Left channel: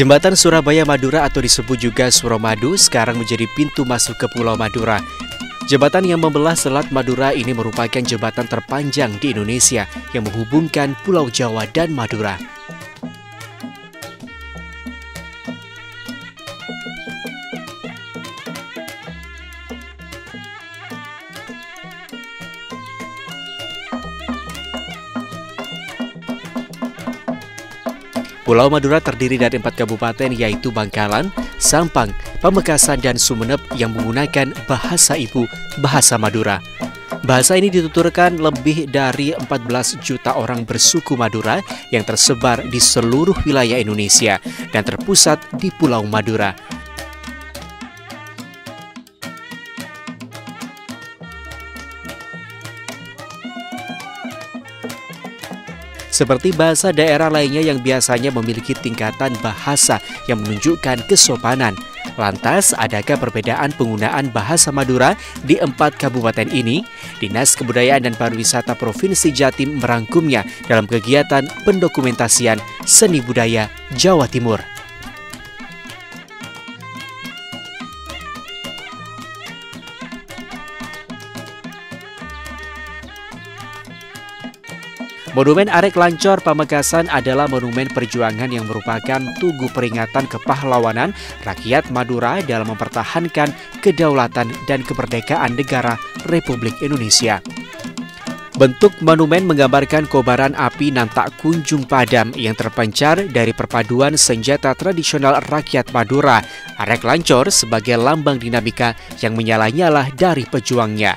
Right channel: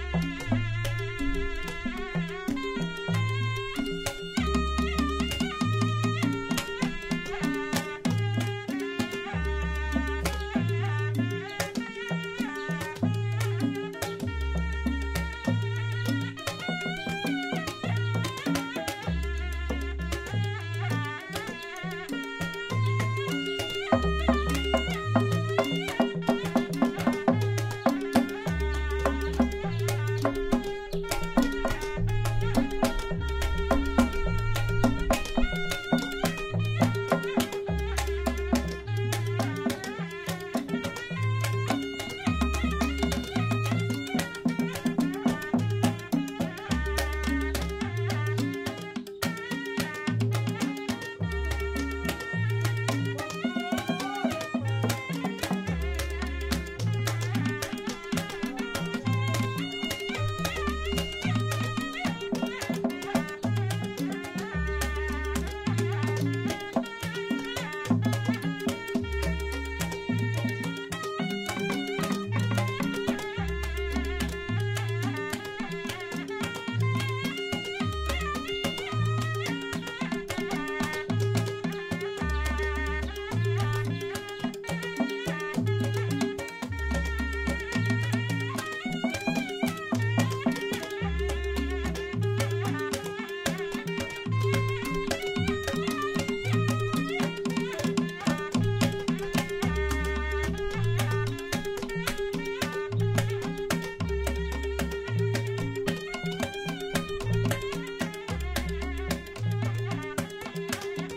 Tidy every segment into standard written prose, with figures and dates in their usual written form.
Jembatan Surabaya Madura atau disebut juga Suramadu sekarang menjadi pintu masuk ke Pulau Madura. Jembatan yang membelah Selat Madura ini merupakan jembatan terpanjang di Indonesia yang menghubungkan Pulau Jawa dan Madura. Pulau Madura terdiri dari 4 kabupaten yaitu Bangkalan, Sampang, Pamekasan, dan Sumeneb yang menggunakan bahasa ibu, bahasa Madura. Bahasa ini dituturkan lebih dari 14 juta orang bersuku Madura yang tersebar di seluruh wilayah Indonesia dan terpusat di Pulau Madura. Seperti bahasa daerah lainnya yang biasanya memiliki tingkatan bahasa yang menunjukkan kesopanan. Lantas, adakah perbedaan penggunaan bahasa Madura di 4 kabupaten ini? Dinas Kebudayaan dan Pariwisata Provinsi Jatim merangkumnya dalam kegiatan pendokumentasian seni budaya Jawa Timur. Monumen Arek Lancor Pamekasan adalah monumen perjuangan yang merupakan tugu peringatan kepahlawanan rakyat Madura dalam mempertahankan kedaulatan dan kemerdekaan negara Republik Indonesia. Bentuk monumen menggambarkan kobaran api nan tak kunjung padam yang terpancar dari perpaduan senjata tradisional rakyat Madura. Arek Lancor sebagai lambang dinamika yang menyala-nyala dari pejuangnya.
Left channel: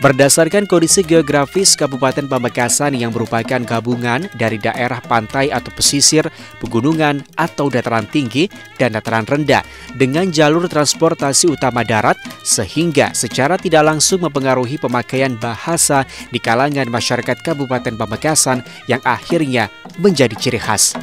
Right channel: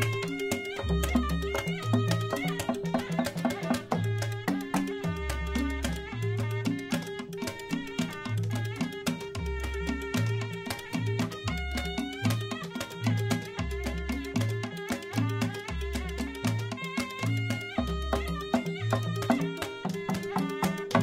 Berdasarkan kondisi geografis Kabupaten Pamekasan yang merupakan gabungan dari daerah pantai atau pesisir, pegunungan atau dataran tinggi dan dataran rendah dengan jalur transportasi utama darat sehingga secara tidak langsung mempengaruhi pemakaian bahasa di kalangan masyarakat Kabupaten Pamekasan yang akhirnya menjadi ciri khas.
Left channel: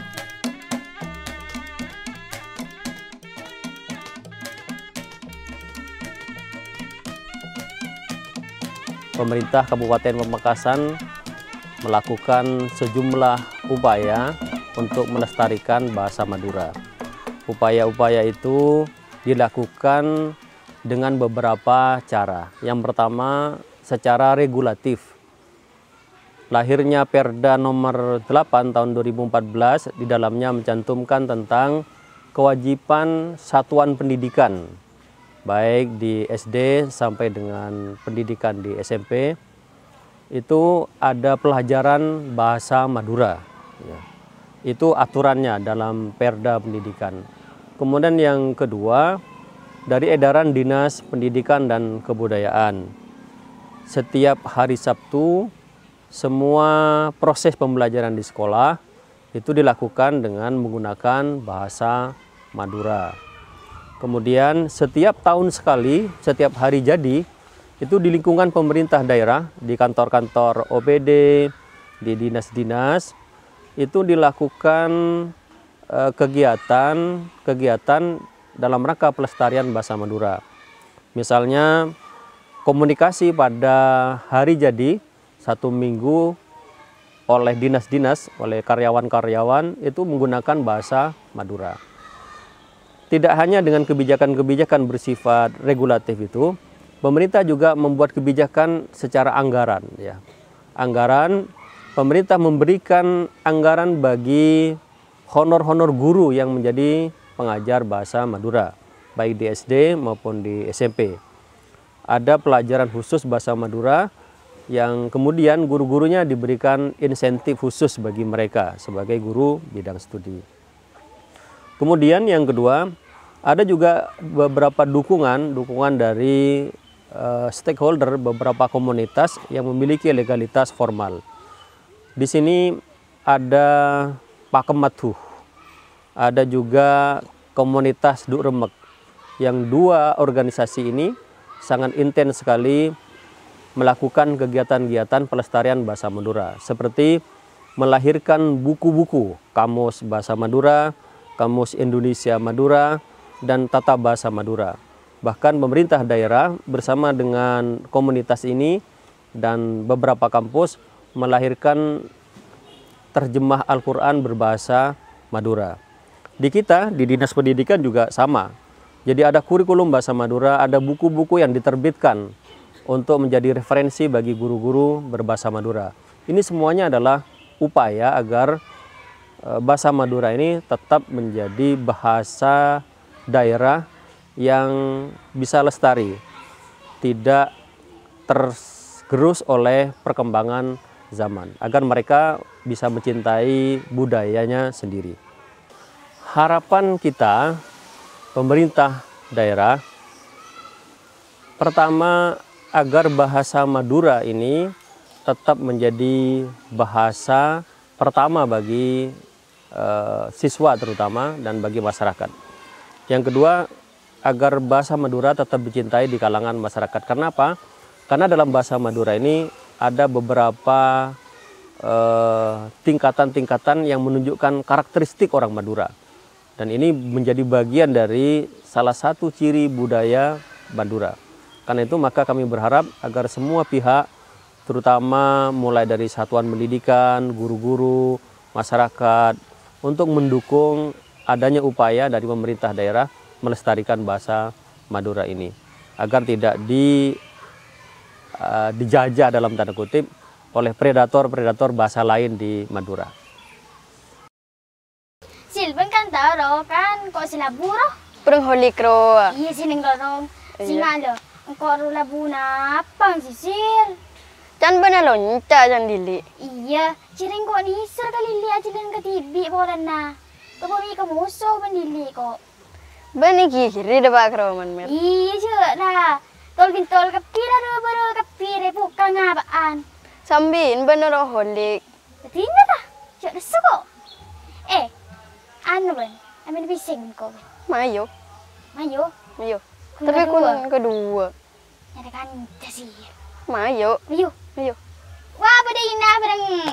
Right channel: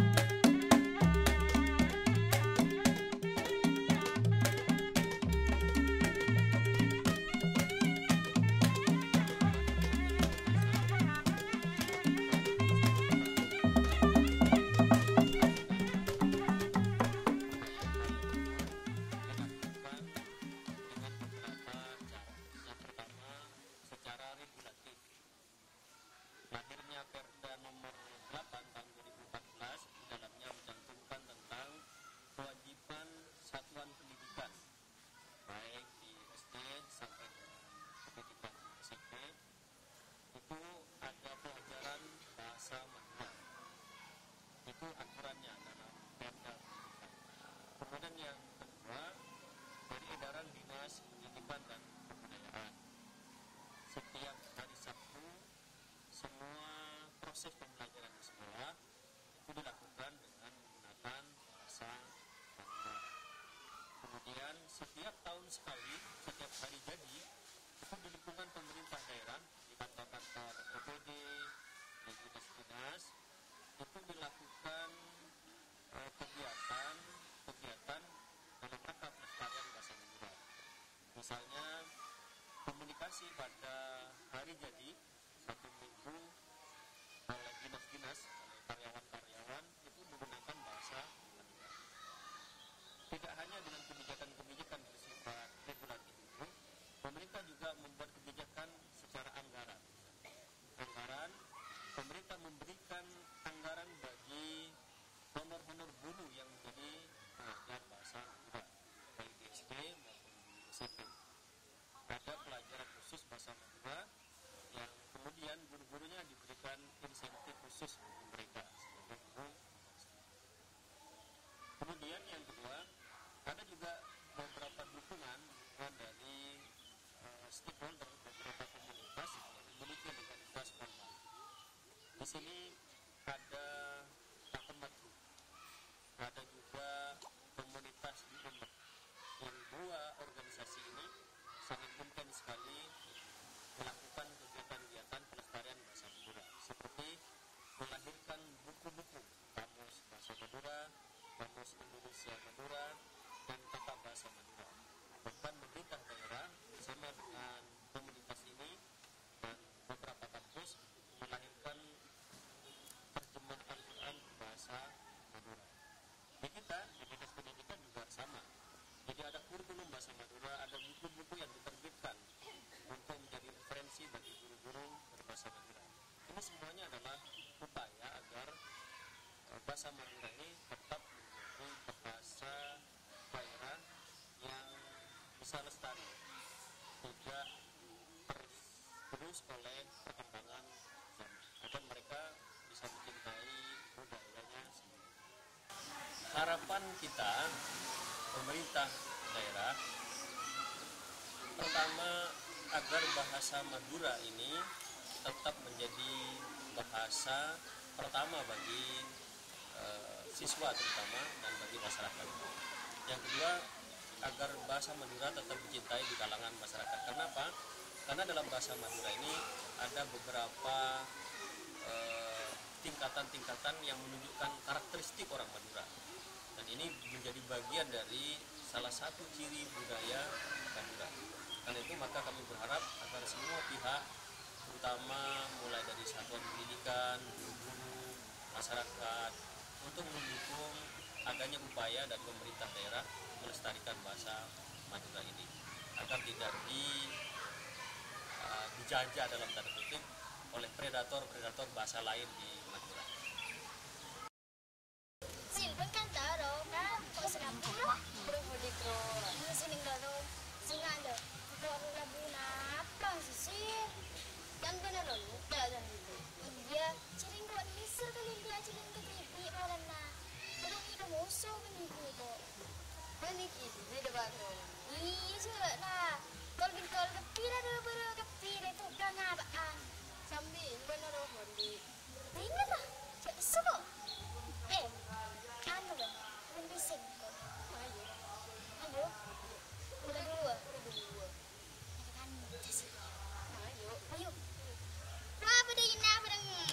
Pemerintah Kabupaten Pamekasan melakukan sejumlah upaya untuk melestarikan bahasa Madura. Upaya-upaya itu dilakukan dengan beberapa cara. Yang pertama, secara regulatif. Lahirnya Perda nomor 8 tahun 2014 di dalamnya mencantumkan tentang kewajiban satuan pendidikan baik di SD sampai dengan pendidikan di SMP, itu ada pelajaran bahasa Madura. Itu aturannya dalam Perda Pendidikan. Kemudian yang kedua, dari edaran Dinas Pendidikan dan Kebudayaan. Setiap hari Sabtu, semua proses pembelajaran di sekolah itu dilakukan dengan menggunakan bahasa Madura. Kemudian setiap tahun sekali, setiap hari jadi, itu di lingkungan pemerintah daerah, di kantor-kantor OPD, di dinas-dinas, itu dilakukan kegiatan dalam rangka pelestarian bahasa Madura. Misalnya komunikasi pada hari jadi, 1 minggu oleh dinas-dinas, oleh karyawan-karyawan itu menggunakan bahasa Madura. Tidak hanya dengan kebijakan-kebijakan bersifat regulatif itu, pemerintah juga membuat kebijakan secara anggaran. Ya. Anggaran, pemerintah memberikan anggaran bagi honor-honor guru yang menjadi pengajar bahasa Madura, baik di SD maupun di SMP. Ada pelajaran khusus bahasa Madura yang kemudian guru-gurunya diberikan insentif khusus bagi mereka sebagai guru bidang studi. Kemudian yang kedua, ada juga beberapa dukungan dari stakeholder beberapa komunitas yang memiliki legalitas formal. Di sini ada Pakematuh, ada juga komunitas Duk Remek, yang 2 organisasi ini sangat intens sekali melakukan kegiatan-kegiatan pelestarian bahasa Madura, seperti melahirkan buku-buku Kamus Bahasa Madura, Kamus Indonesia Madura, dan Tata Bahasa Madura. Bahkan pemerintah daerah bersama dengan komunitas ini dan beberapa kampus melahirkan terjemah Al-Quran berbahasa Madura. Di kita, di Dinas Pendidikan juga sama. Jadi ada kurikulum bahasa Madura, ada buku-buku yang diterbitkan untuk menjadi referensi bagi guru-guru berbahasa Madura. Ini semuanya adalah upaya agar bahasa Madura ini tetap menjadi bahasa daerah yang bisa lestari, tidak tergerus oleh perkembangan zaman, agar mereka bisa mencintai budayanya sendiri. Harapan kita, pemerintah daerah, pertama agar bahasa Madura ini tetap menjadi bahasa pertama bagi siswa terutama dan bagi masyarakat. Yang kedua, agar bahasa Madura tetap dicintai di kalangan masyarakat. Karena apa? Karena dalam bahasa Madura ini ada beberapa tingkatan-tingkatan yang menunjukkan karakteristik orang Madura. Dan ini menjadi bagian dari salah satu ciri budaya Madura. Karena itu maka kami berharap agar semua pihak, terutama mulai dari satuan pendidikan, guru-guru, masyarakat, untuk mendukung adanya upaya dari pemerintah daerah melestarikan bahasa Madura ini. Agar tidak dijajah dalam tanda kutip oleh predator-predator bahasa lain di Madura. Silben kan tahu kan kok silaburo. Perang holik ro. Iya sining dorong. Singalo. Kok ro labuna apa sisil? Can bana lonca can dili. Iya, ciring kok nisir kali li aja dan ketibi bolan na. Kami kemusuh mendili kok. Bani kiri de pak ro man mer. Iya je nah. Tol bintol kepira do baru kepire bukan ngapaan. Sambin bana ro holik. Tinggal dah. Cak desu kok. Anu ben, amin bising kok. Mayo. Mayo. Mayo. Kun Tapi kun kedua. kedua. Ada kan sih. Mayo. Mayo. Mayo. Wah, pada Ina bareng Ria.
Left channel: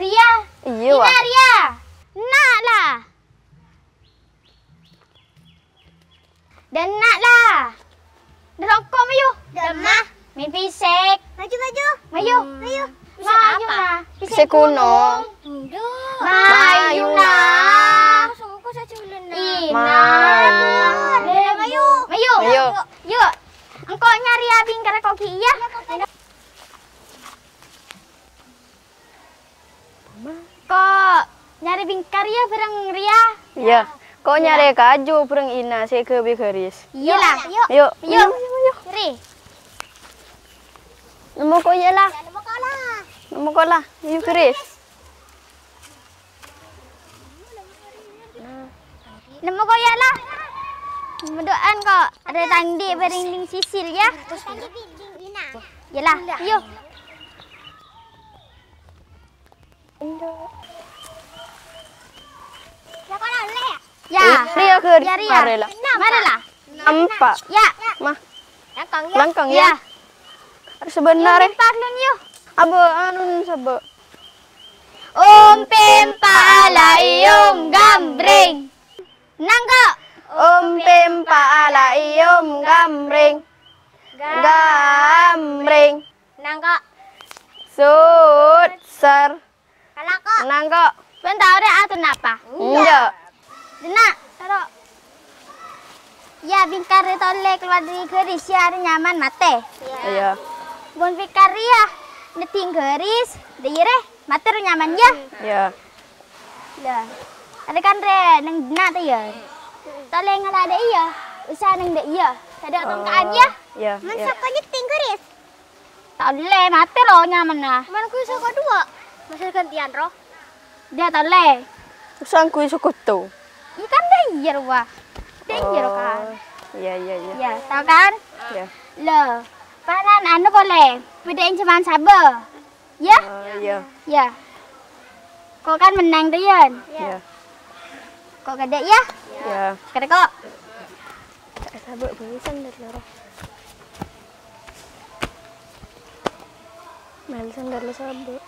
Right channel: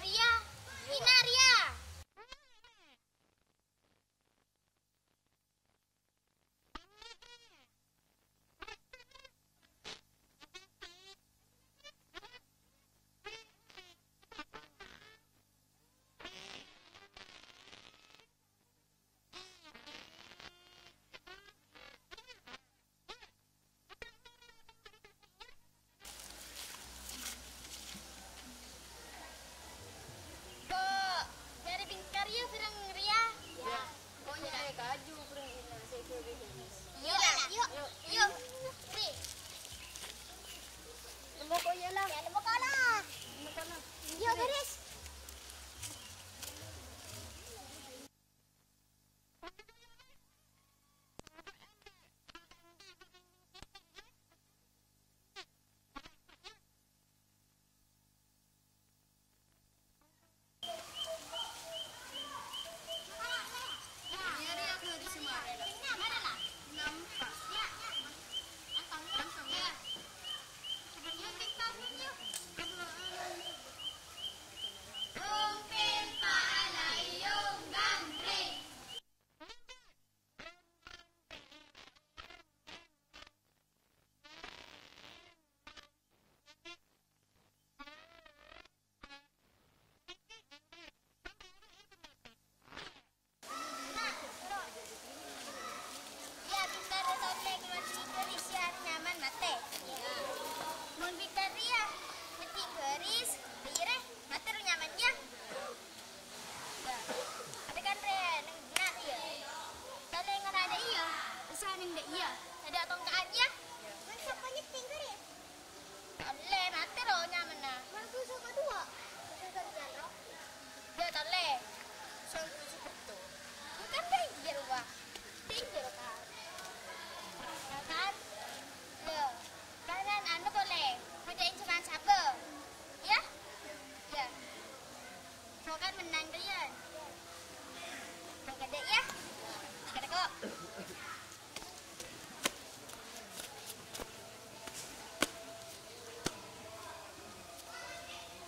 Iya Ina wah. Ria. Nak lah. Dan nak lah. Derokok mayu. Demah. Main pisek. Maju maju. Mayu. Mayu. Mayu lah. Pisek kuno. Mayu lah. Ina. Mayu. Mayu. Mayu. Yuk. Engkau nyari abing karena kau iya. Kok nyari bingkar ya bareng Ria? Iya. Kau nyari kaju perang ina saya ke bikaris. Iya lah. Yuk. Yuk. Yuk. Ri. Nemu kau ya lah. Nemu kau lah. Yuk keris. Nemu kau ya lah. Mendoan kok ada tandi bering sisil ya. Yalah. Yuk. Ya. Ria keris. Ya Ria. Mari lah. Mana lah? Empat. Ya. Mah. Langkang Langkang Ya. ya. Sebenarnya. Parlun yuk. Abo anu sabo. Pempa ala iom gambreng. Nangko. Pempa ala iom gambreng. Gambreng. Nangko. Sut ser. Kalako. Nangko. Bentar deh atau napa? Enggak. Nak, taruh. Ya, bingkar tolek keluar dari keris ya, ada nyaman mate. Iya. Gon bingkar ya, neting keris, dire, mate ru nyaman ya. Iya. Dah. Ada kan re, nang nak tu ya. Tolek ngala ada iya, usah nang de iya. Ada tongkaan ya. Iya. Masa kau nyeting keris? Tolek mate ro nyaman nah. Mana ku iso kedua? Masa gantian ro. Dia tolek. Usang kuy sukutu. Ikan danger wah. Danger kan. Iya iya iya. Ya, tahu kan? Iya. Loh, panan anu boleh. Bedain cuman sabar. Ya? Iya. Ya. Kau kan menang tuh, Yan. Iya. Kau gede ya? Iya. Gede kok. Sabar bisa ndak loro. Malisan dari sabar.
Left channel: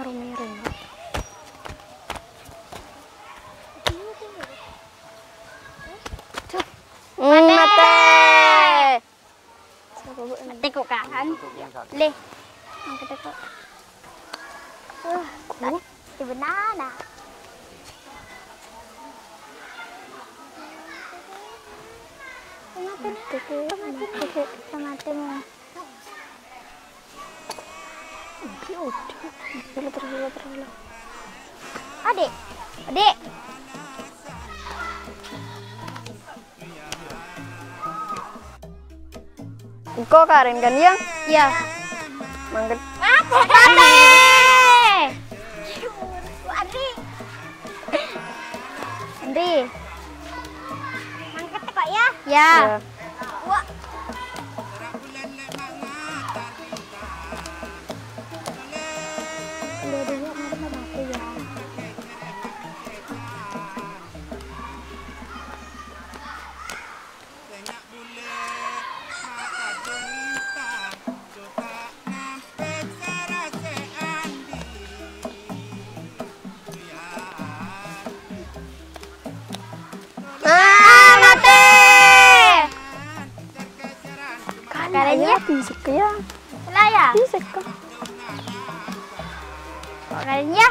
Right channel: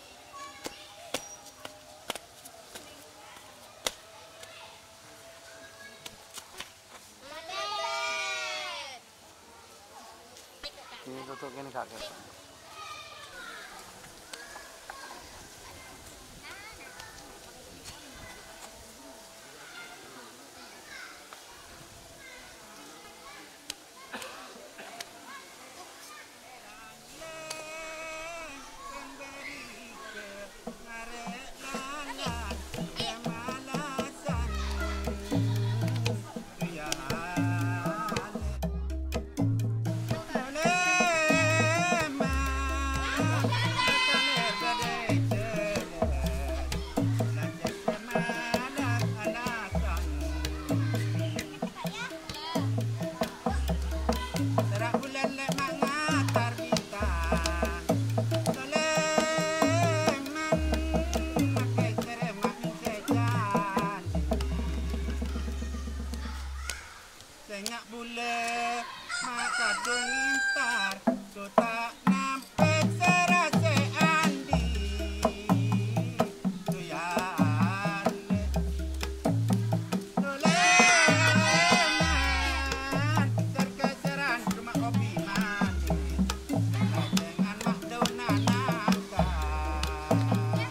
Aromanya rendah. Mate. Mati kok kan? Le. Ang gede kok. Di banana. Adik, adik. Kok Karen kan yang? Ya. Mangget. Ate. Adi. Adi. Mangkat Pak ya? Ya. Kayaknya Bisik ya. lah ya. Bisik kok. Kayaknya.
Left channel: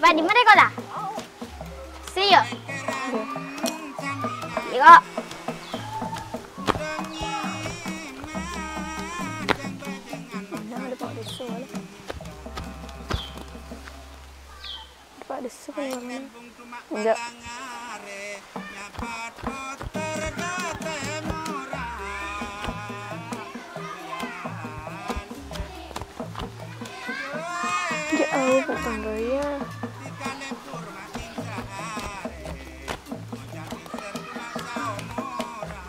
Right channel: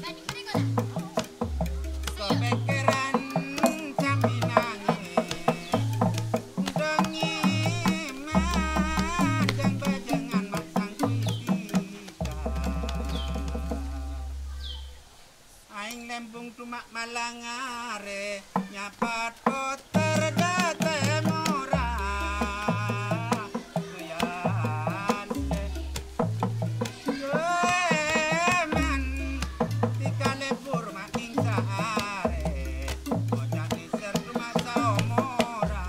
Pak di mana kau dah? Siyo. Tengok. Pak desik. Nembung cuma malangare nyapat puter date murah dikale purma incaare ojak diser cuma saumura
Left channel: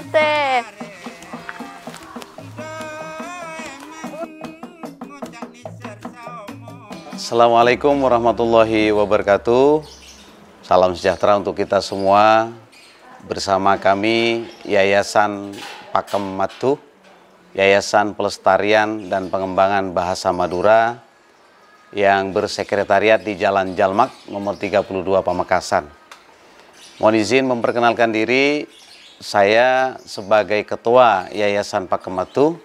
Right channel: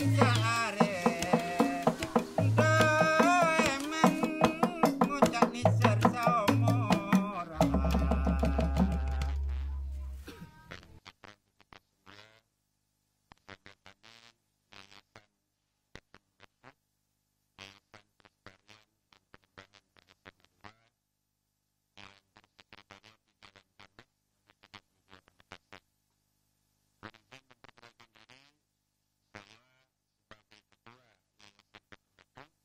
Ote. Assalamualaikum warahmatullahi wabarakatuh. Salam sejahtera untuk kita semua. Bersama kami Yayasan Pakem Matuh, Yayasan Pelestarian dan Pengembangan Bahasa Madura yang bersekretariat di Jalan Jalmak nomor 32 Pamekasan. Mohon izin memperkenalkan diri, saya sebagai Ketua Yayasan Pakem Matuh,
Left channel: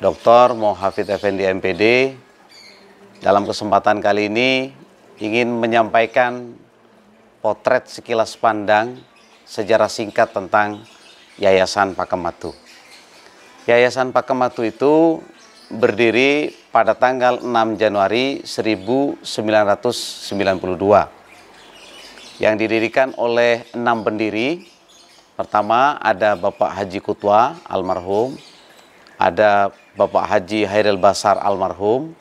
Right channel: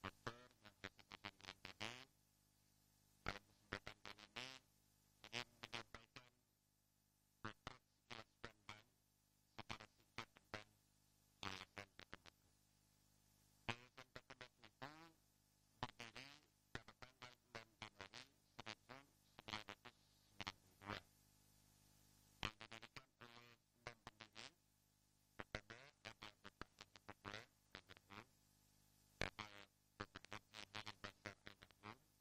Dr. Mohafid Effendi MPD. Dalam kesempatan kali ini ingin menyampaikan potret sekilas pandang sejarah singkat tentang Yayasan Pakem Matuh. Yayasan Pakem Matuh itu berdiri pada tanggal 6 Januari 1992 yang didirikan oleh 6 pendiri. Pertama ada Bapak Haji Kutwa almarhum, ada Bapak Haji Hairil Basar almarhum,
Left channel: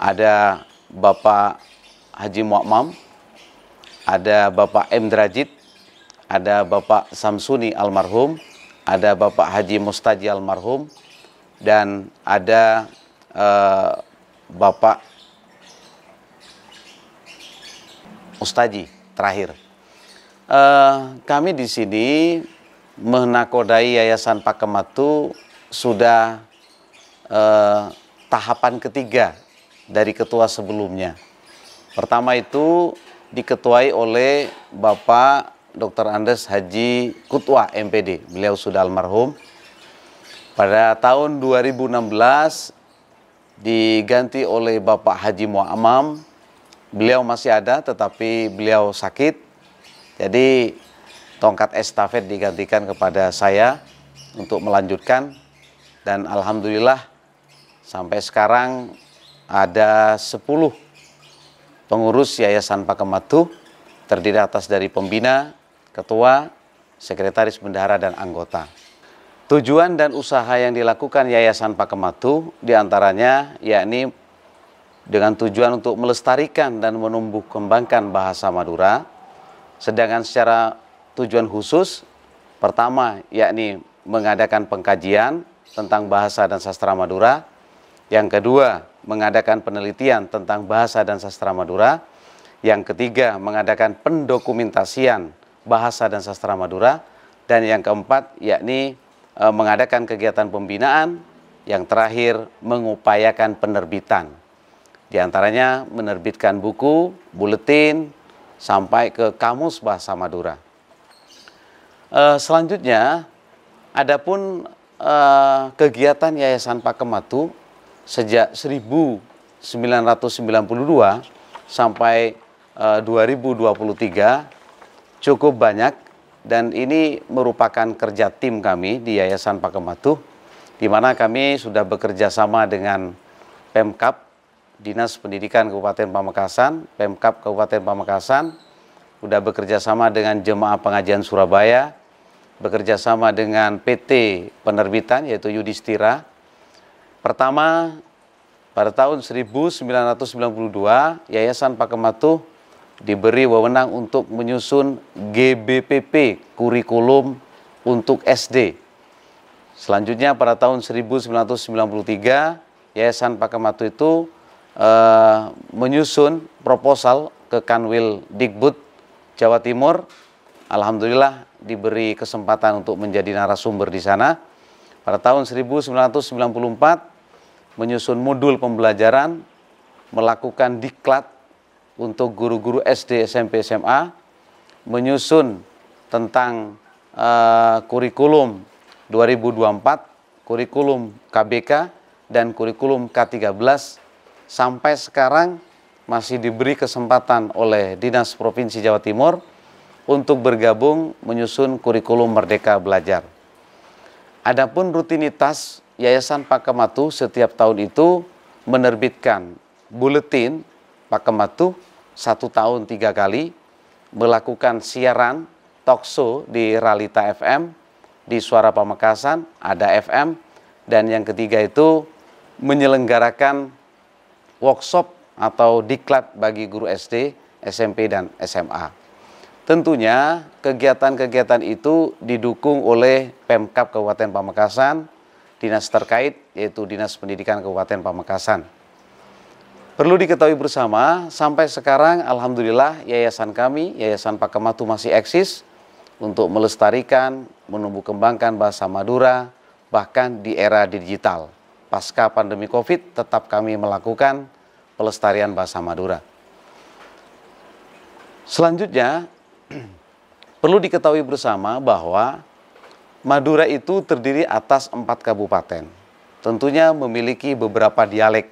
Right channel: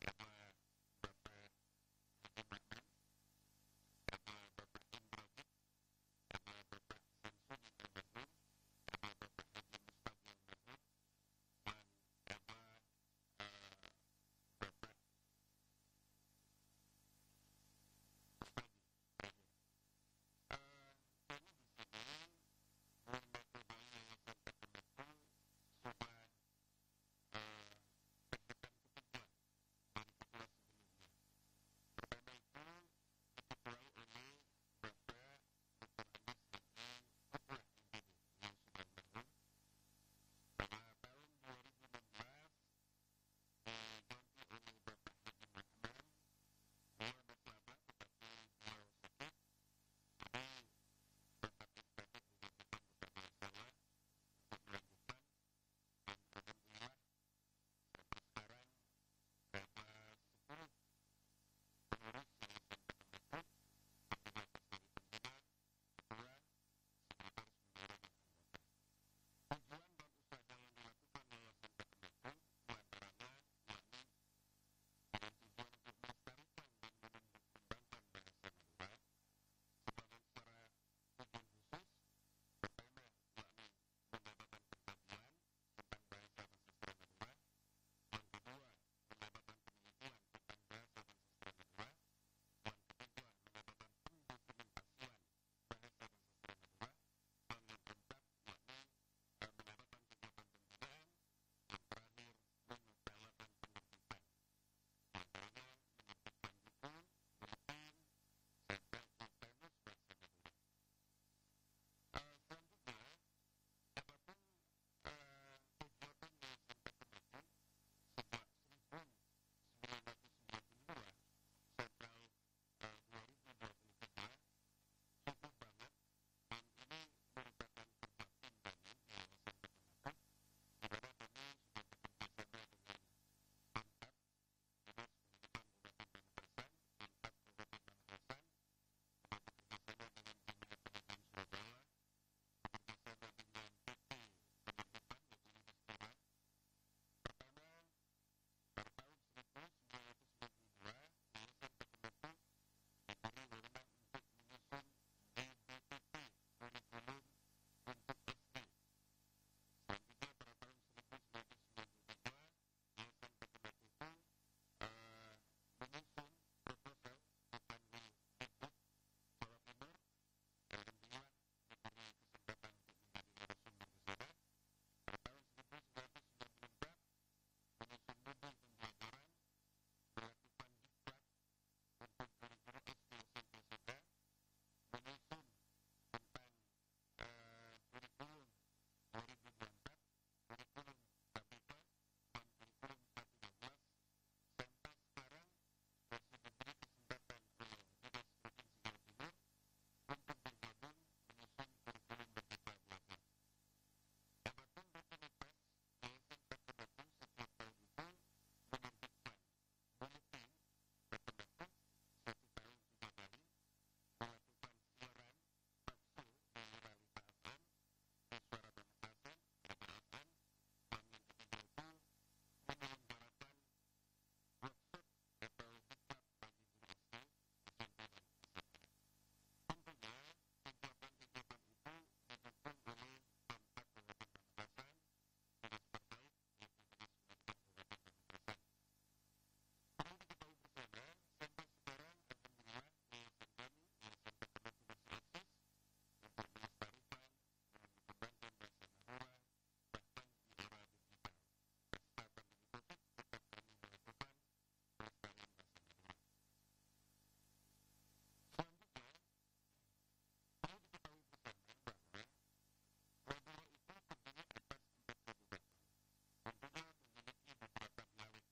ada Bapak Haji Mu'mam, ada Bapak M. Drajid, ada Bapak Samsuni almarhum, ada Bapak Haji Mustaji almarhum, dan ada Bapak Mustaji terakhir. Kami di sini menakodai Yayasan Pakem Matuh sudah tahapan ketiga dari ketua sebelumnya. Pertama itu diketuai oleh Bapak Dr. Andes Haji Kutwa MPD. Beliau sudah almarhum. Pada tahun 2016 diganti oleh Bapak Haji Mu'amam. Beliau masih ada tetapi beliau sakit. Jadi tongkat estafet digantikan kepada saya untuk melanjutkan. Dan alhamdulillah sampai sekarang ada 10 pengurus Yayasan Pakem Matuh, terdiri atas dari pembina, ketua, sekretaris bendahara, dan anggota. Tujuan dan usaha yang dilakukan Yayasan Pakem Matuh diantaranya yakni dengan tujuan untuk melestarikan dan menumbuh kembangkan bahasa Madura, sedangkan secara tujuan khusus, pertama yakni mengadakan pengkajian tentang bahasa dan sastra Madura, yang kedua mengadakan penelitian tentang bahasa dan sastra Madura, yang ketiga mengadakan pendokumentasian bahasa dan sastra Madura, dan yang keempat yakni mengadakan kegiatan pembinaan, yang terakhir mengupayakan penerbitan. Di antaranya menerbitkan buku, buletin, sampai ke kamus bahasa Madura. Selanjutnya, adapun kegiatan Yayasan Pakematu sejak 1992 sampai 2023 cukup banyak, dan ini merupakan kerja tim kami di Yayasan Pakematu, di mana kami sudah bekerja sama dengan Pemkab, Dinas Pendidikan Kabupaten Pamekasan, Pemkab Kabupaten Pamekasan, sudah bekerja sama dengan Jemaah Pengajian Surabaya, bekerja sama dengan PT Penerbitan yaitu Yudhistira. Pertama, pada tahun 1992, Yayasan Pakematu diberi wewenang untuk menyusun GBPP, kurikulum untuk SD. Selanjutnya pada tahun 1993, Yayasan Pakematu itu menyusun proposal ke Kanwil Dikbud Jawa Timur. Alhamdulillah diberi kesempatan untuk menjadi narasumber di sana. Pada tahun 1994 menyusun modul pembelajaran, melakukan diklat untuk guru-guru SD, SMP, SMA, menyusun tentang kurikulum 2024, kurikulum KBK, dan kurikulum K13, sampai sekarang masih diberi kesempatan oleh Dinas Provinsi Jawa Timur untuk bergabung menyusun kurikulum Merdeka Belajar. Adapun rutinitas Yayasan Pakematu setiap tahun itu menerbitkan buletin Pakematu 1 tahun 3 kali, melakukan siaran talkshow di Realita FM, di Suara Pamekasan, ada FM, dan yang ketiga itu menyelenggarakan workshop atau diklat bagi guru SD, SMP, dan SMA. Tentunya kegiatan-kegiatan itu didukung oleh Pemkab Kabupaten Pamekasan, dinas terkait yaitu Dinas Pendidikan Kabupaten Pamekasan. Perlu diketahui bersama, sampai sekarang alhamdulillah yayasan kami, Yayasan Pakematu, masih eksis untuk melestarikan, menumbuh kembangkan bahasa Madura, bahkan di era digital. Pasca pandemi Covid tetap kami melakukan pelestarian bahasa Madura. Selanjutnya, perlu diketahui bersama bahwa Madura itu terdiri atas 4 kabupaten. Tentunya memiliki beberapa dialek.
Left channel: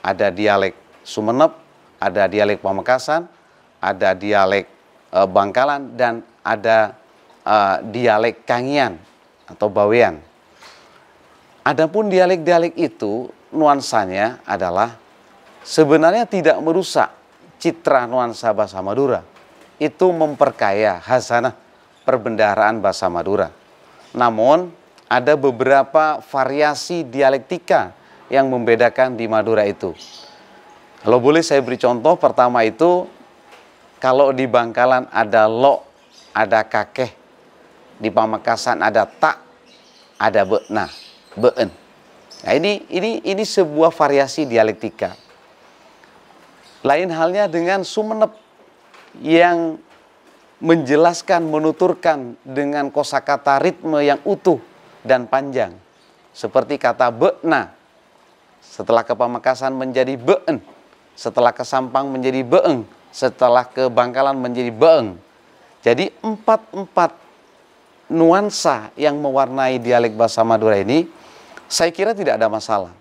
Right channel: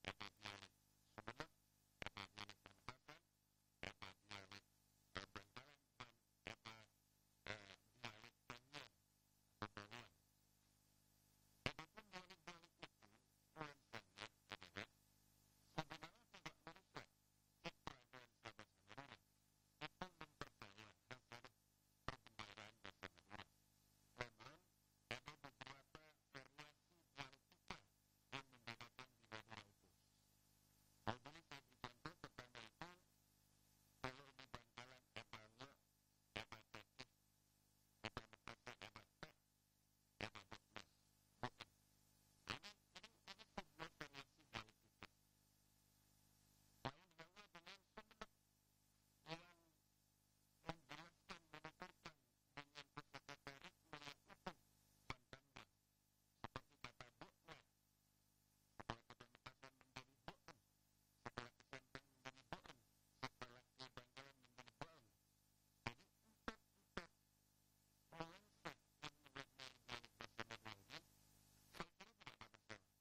Ada dialek Sumeneb, ada dialek Pamekasan, ada dialek Bangkalan, dan ada dialek Kangian atau Bawean. Adapun dialek-dialek itu nuansanya adalah sebenarnya tidak merusak citra nuansa bahasa Madura. Itu memperkaya khasanah perbendaharaan bahasa Madura. Namun ada beberapa variasi dialektika yang membedakan di Madura itu. Kalau boleh saya beri contoh, pertama itu kalau di Bangkalan ada lo, ada kakeh, di Pamekasan ada tak, ada be'na, be'en. Nah, ini sebuah variasi dialektika. Lain halnya dengan Sumeneb yang menjelaskan, menuturkan dengan kosakata ritme yang utuh dan panjang. Seperti kata be'na, setelah ke Pamekasan menjadi be'en, setelah ke Sampang menjadi be'eng, setelah ke Bangkalan menjadi be'eng. Jadi empat nuansa yang mewarnai dialek bahasa Madura ini, saya kira tidak ada masalah.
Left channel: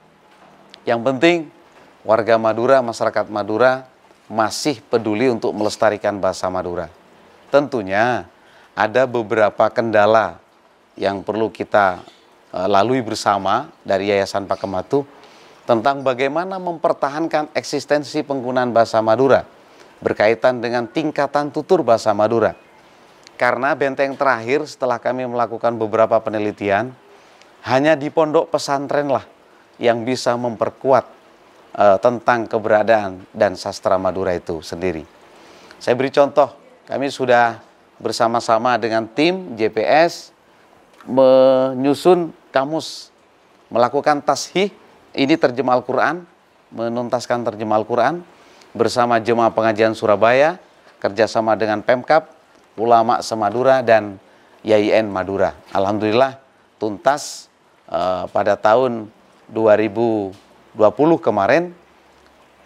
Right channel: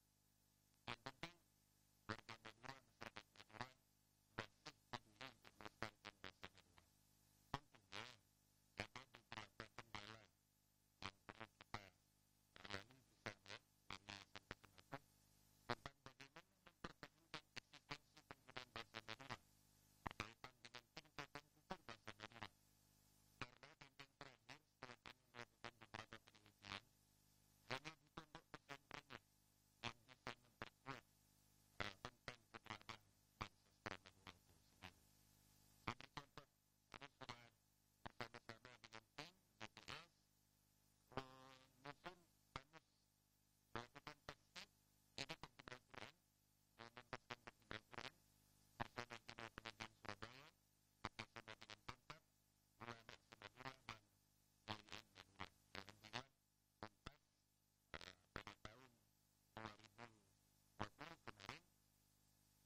Yang penting warga Madura, masyarakat Madura masih peduli untuk melestarikan bahasa Madura. Tentunya ada beberapa kendala yang perlu kita lalui bersama dari Yayasan Pakematu tentang bagaimana mempertahankan eksistensi penggunaan bahasa Madura berkaitan dengan tingkatan tutur bahasa Madura. Karena benteng terakhir setelah kami melakukan beberapa penelitian, hanya di pondok pesantren lah yang bisa memperkuat tentang keberadaan dan sastra Madura itu sendiri. Saya beri contoh, kami sudah bersama-sama dengan tim JPS menyusun kamus, melakukan tashih, ini terjemah Al-Quran, menuntaskan terjemah Al-Quran bersama Jemaah Pengajian Surabaya, kerjasama dengan Pemkab, ulama semadura, dan YIN Madura. Alhamdulillah tuntas pada tahun 2020 kemarin,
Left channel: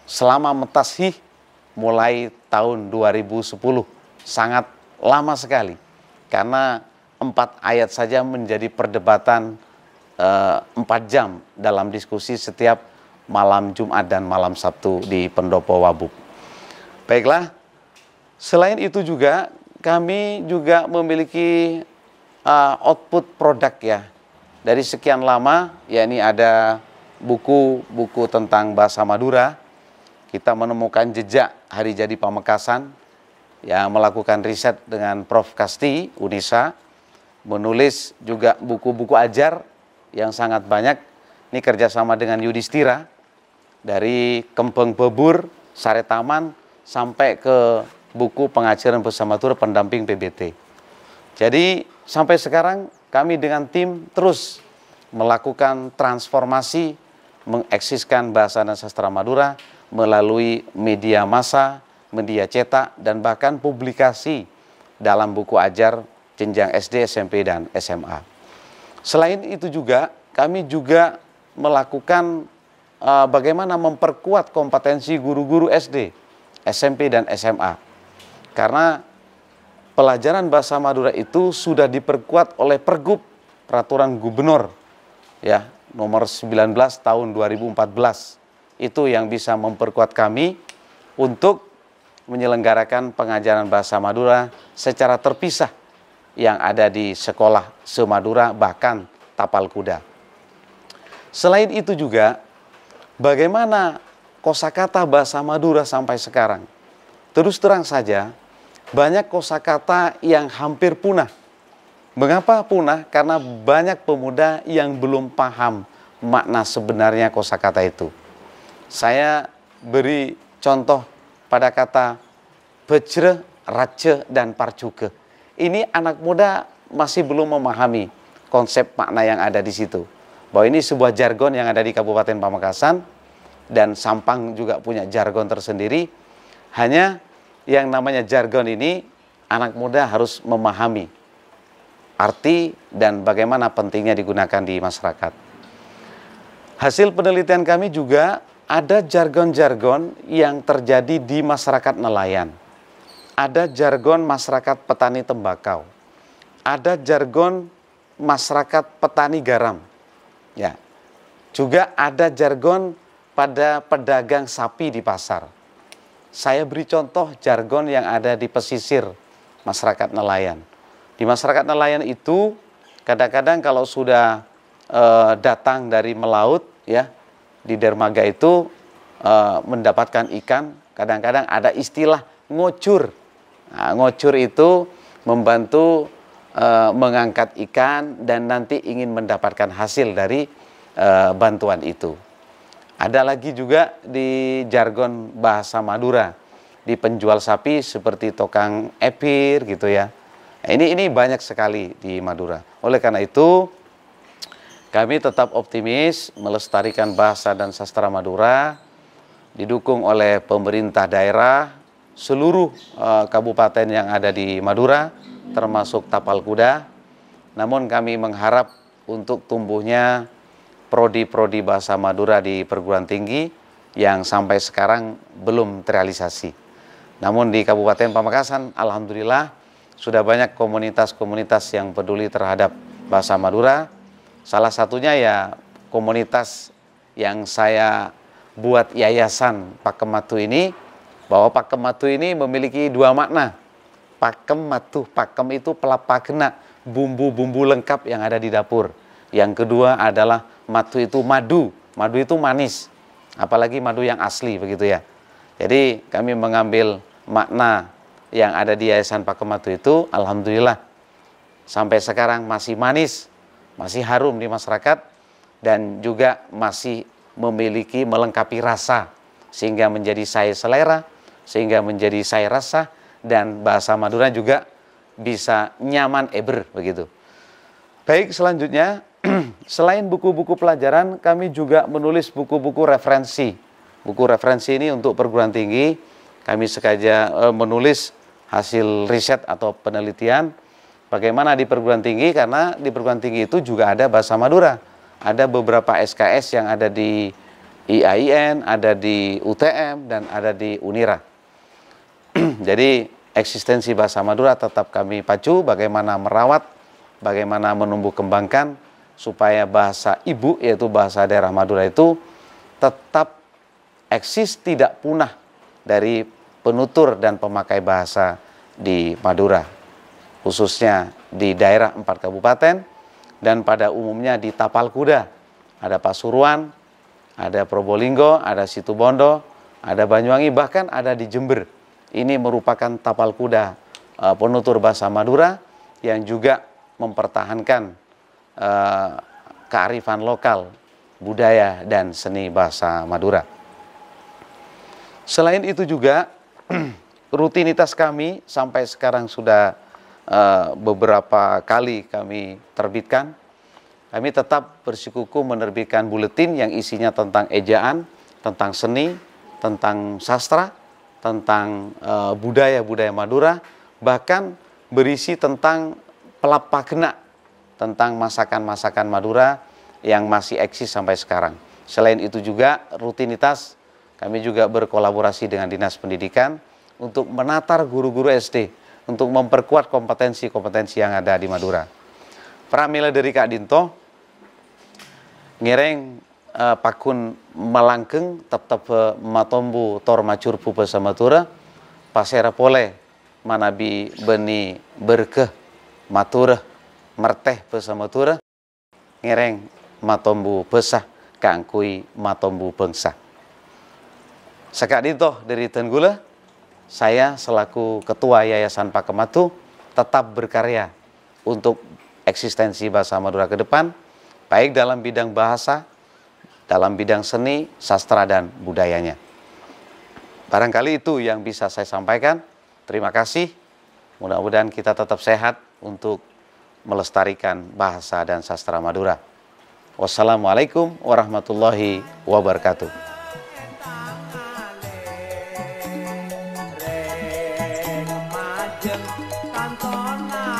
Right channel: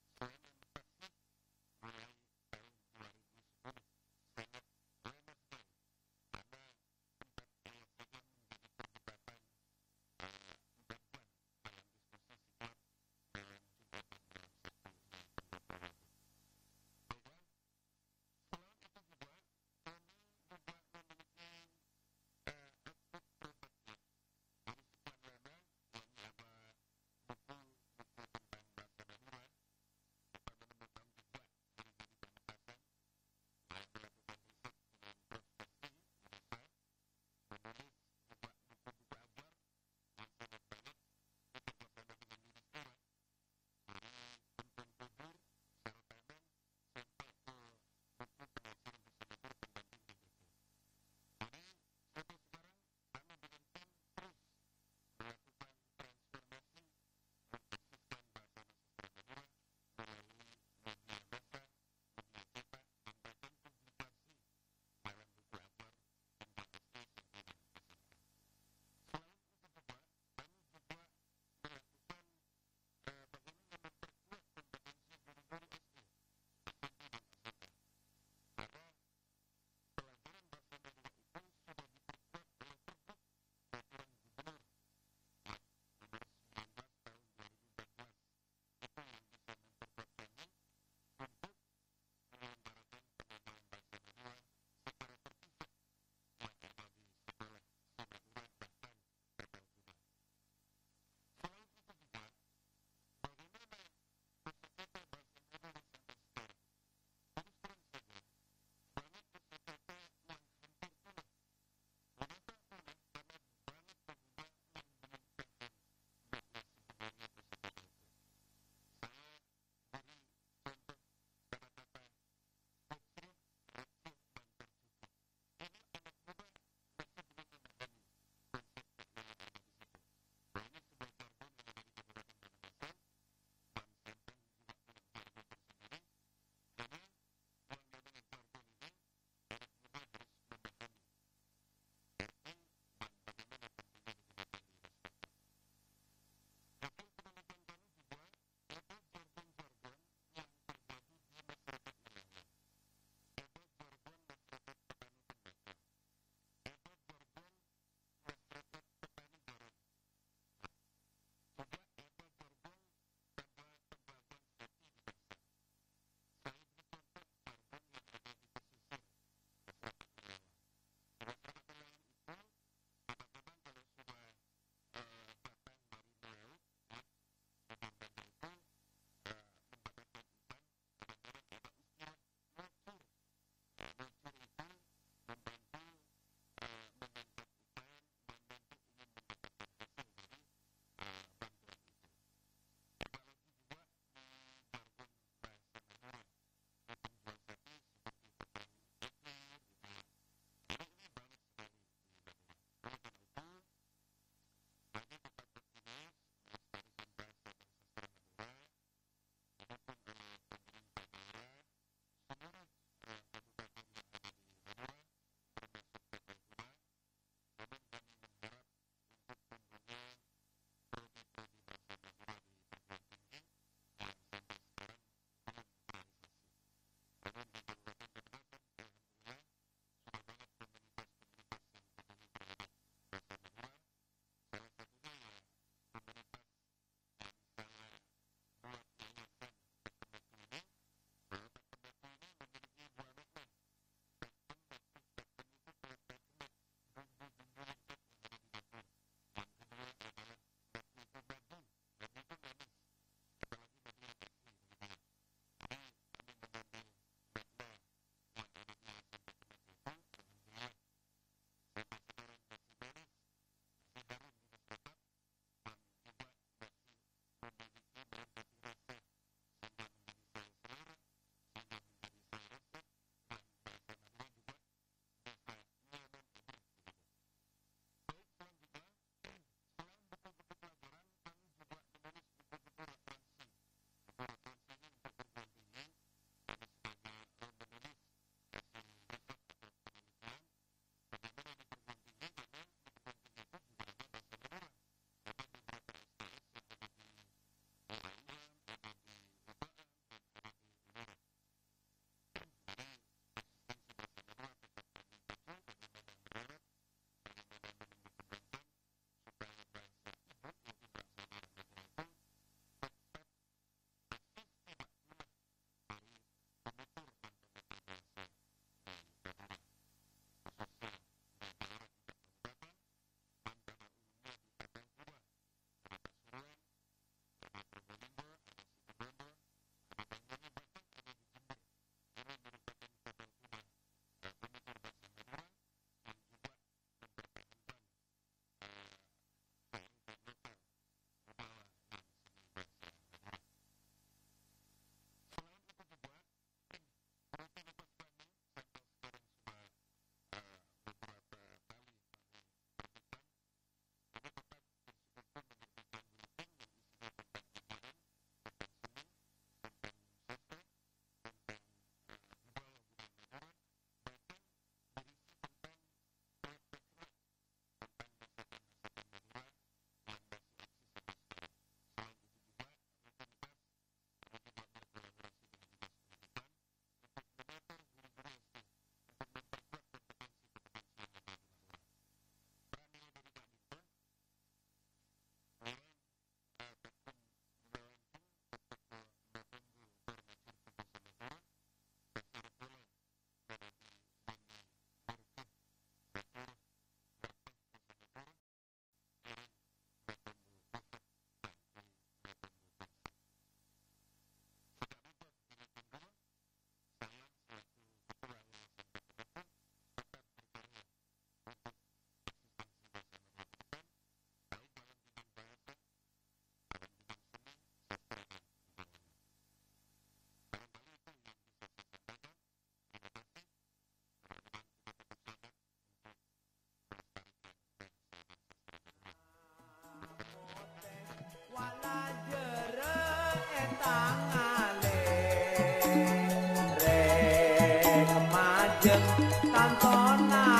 selama mentashih mulai tahun 2010, sangat lama sekali karena 4 ayat saja menjadi perdebatan 4 jam dalam diskusi setiap malam Jumat dan malam Sabtu di Pendopo Wabub. Baiklah, selain itu juga kami juga memiliki output produk ya. Dari sekian lama, yakni ada buku-buku tentang bahasa Madura. Kita menemukan jejak Hari Jadi Pamekasan yang melakukan riset dengan Prof. Kasti, Unisa, menulis juga buku-buku ajar yang sangat banyak. Ini kerjasama dengan Yudhistira, dari Kempeng Bebur, Sare Taman, sampai ke buku pengajaran bahasa Madura pendamping PBT. Jadi sampai sekarang kami dengan tim terus melakukan transformasi, mengeksiskan bahasa dan sastra Madura melalui media massa, media cetak, dan bahkan publikasi dalam buku ajar jenjang SD, SMP, dan SMA. Selain itu juga, kami juga melakukan bagaimana memperkuat kompetensi guru-guru SD, SMP, dan SMA. Karena pelajaran bahasa Madura itu sudah diperkuat oleh Pergub Peraturan Gubernur ya, nomor 19 tahun 2014. Itu yang bisa memperkuat kami untuk menyelenggarakan pengajaran bahasa Madura secara terpisah yang ada di sekolah se-Madura, bahkan tapal kuda. Selain itu juga, bagaimana kosakata bahasa Madura sampai sekarang? Terus terang saja, banyak kosakata yang hampir punah. Mengapa punah? Karena banyak pemuda yang belum paham makna sebenarnya kosakata itu. Saya beri contoh pada kata bejre, race, dan parcuke. Ini anak muda masih belum memahami konsep makna yang ada di situ. Bahwa ini sebuah jargon yang ada di Kabupaten Pamekasan, dan Sampang juga punya jargon tersendiri. Hanya yang namanya jargon ini, anak muda harus memahami arti dan bagaimana pentingnya digunakan di masyarakat. Hasil penelitian kami juga ada jargon-jargon yang terjadi di masyarakat nelayan. Ada jargon masyarakat petani tembakau. Ada jargon masyarakat petani garam. Ya. Juga ada jargon pada pedagang sapi di pasar. Saya beri contoh jargon yang ada di pesisir masyarakat nelayan. Di masyarakat nelayan itu kadang-kadang kalau sudah datang dari melaut ya, di dermaga itu mendapatkan ikan, kadang-kadang ada istilah ngocur. Nah, ngocur itu membantu mengangkat ikan dan nanti ingin mendapatkan hasil dari bantuan itu. Ada lagi juga di jargon bahasa Madura, di penjual sapi seperti tukang epir gitu ya. Nah, ini banyak sekali di Madura. Oleh karena itu, kami tetap optimis melestarikan bahasa dan sastra Madura, didukung oleh pemerintah daerah, seluruh kabupaten yang ada di Madura, termasuk tapal kuda. Namun kami mengharap untuk tumbuhnya prodi-prodi bahasa Madura di perguruan tinggi yang sampai sekarang belum terrealisasi. Namun di Kabupaten Pamekasan, alhamdulillah sudah banyak komunitas-komunitas yang peduli terhadap bahasa Madura. Salah satunya ya komunitas yang saya buat yayasan Pakem Matu ini, bahwa Pakem Matu ini memiliki dua makna. Pakem Matu, pakem itu pelapakena, bumbu-bumbu lengkap yang ada di dapur. Yang kedua adalah matu itu madu, madu itu manis, apalagi madu yang asli begitu ya. Jadi kami mengambil makna yang ada di Yayasan Pakem Matu itu, alhamdulillah sampai sekarang masih manis, masih harum di masyarakat, dan juga masih memiliki melengkapi rasa, sehingga menjadi saya selera, sehingga menjadi saya rasa, dan bahasa Madura juga bisa nyaman eber begitu. Baik, selanjutnya selain buku-buku pelajaran, kami juga menulis buku-buku referensi. Buku referensi ini untuk perguruan tinggi, kami sengaja menulis hasil riset atau penelitian bagaimana di perguruan tinggi, karena di perguruan tinggi itu juga ada bahasa Madura. Ada beberapa SKS yang ada di IAIN, ada di UTM, dan ada di Unira. Jadi eksistensi bahasa Madura tetap kami pacu, bagaimana merawat, bagaimana menumbuh kembangkan, supaya bahasa ibu, yaitu bahasa daerah Madura itu tetap eksis, tidak punah dari penutur dan pemakai bahasa di Madura, khususnya di daerah 4 kabupaten dan pada umumnya di tapal kuda. Ada Pasuruan, ada Probolinggo, ada Situbondo, ada Banyuwangi, bahkan ada di Jember. Ini merupakan tapal kuda penutur bahasa Madura yang juga mempertahankan kearifan lokal, budaya, dan seni bahasa Madura. Selain itu juga, rutinitas kami sampai sekarang sudah beberapa kali kami terbitkan. Kami tetap bersikukuh menerbitkan buletin yang isinya tentang ejaan, tentang seni, tentang sastra, tentang budaya-budaya Madura, bahkan berisi tentang pelapakna, tentang masakan-masakan Madura yang masih eksis sampai sekarang. Selain itu juga rutinitas kami juga berkolaborasi dengan Dinas Pendidikan untuk menatar guru-guru SD, untuk memperkuat kompetensi-kompetensi yang ada di Madura. Pramila dari Kak Dinto, ngereng pakun melangkeng tetap matombu tor macurpu bahasa Madura, pasera pole manabi beni berkeh matura merteh bahasa Madura, ngereng matombu besah kangkui matombu bangsa. Sekak Dinto dari Tenggula, saya selaku Ketua Yayasan Pakematu tetap berkarya untuk eksistensi bahasa Madura ke depan, baik dalam bidang bahasa, dalam bidang seni, sastra, dan budayanya. Barangkali itu yang bisa saya sampaikan. Terima kasih. Mudah-mudahan kita tetap sehat untuk melestarikan bahasa dan sastra Madura. Wassalamualaikum warahmatullahi wabarakatuh.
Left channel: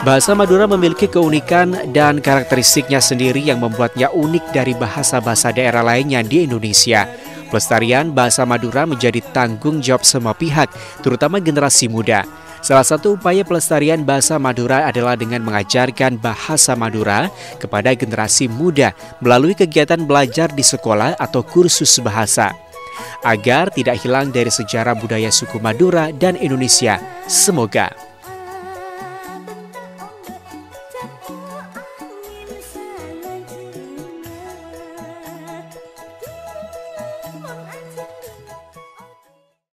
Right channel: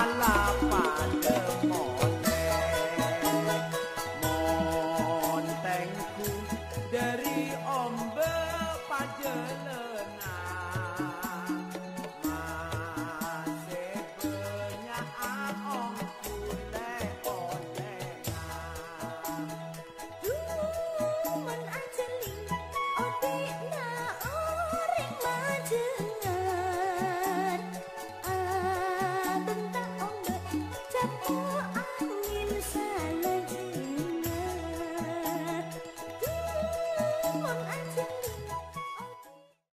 Bahasa Madura memiliki keunikan dan karakteristiknya sendiri yang membuatnya unik dari bahasa-bahasa daerah lainnya di Indonesia. Pelestarian bahasa Madura menjadi tanggung jawab semua pihak, terutama generasi muda. Salah satu upaya pelestarian bahasa Madura adalah dengan mengajarkan bahasa Madura kepada generasi muda melalui kegiatan belajar di sekolah atau kursus bahasa, agar tidak hilang dari sejarah budaya suku Madura dan Indonesia. Semoga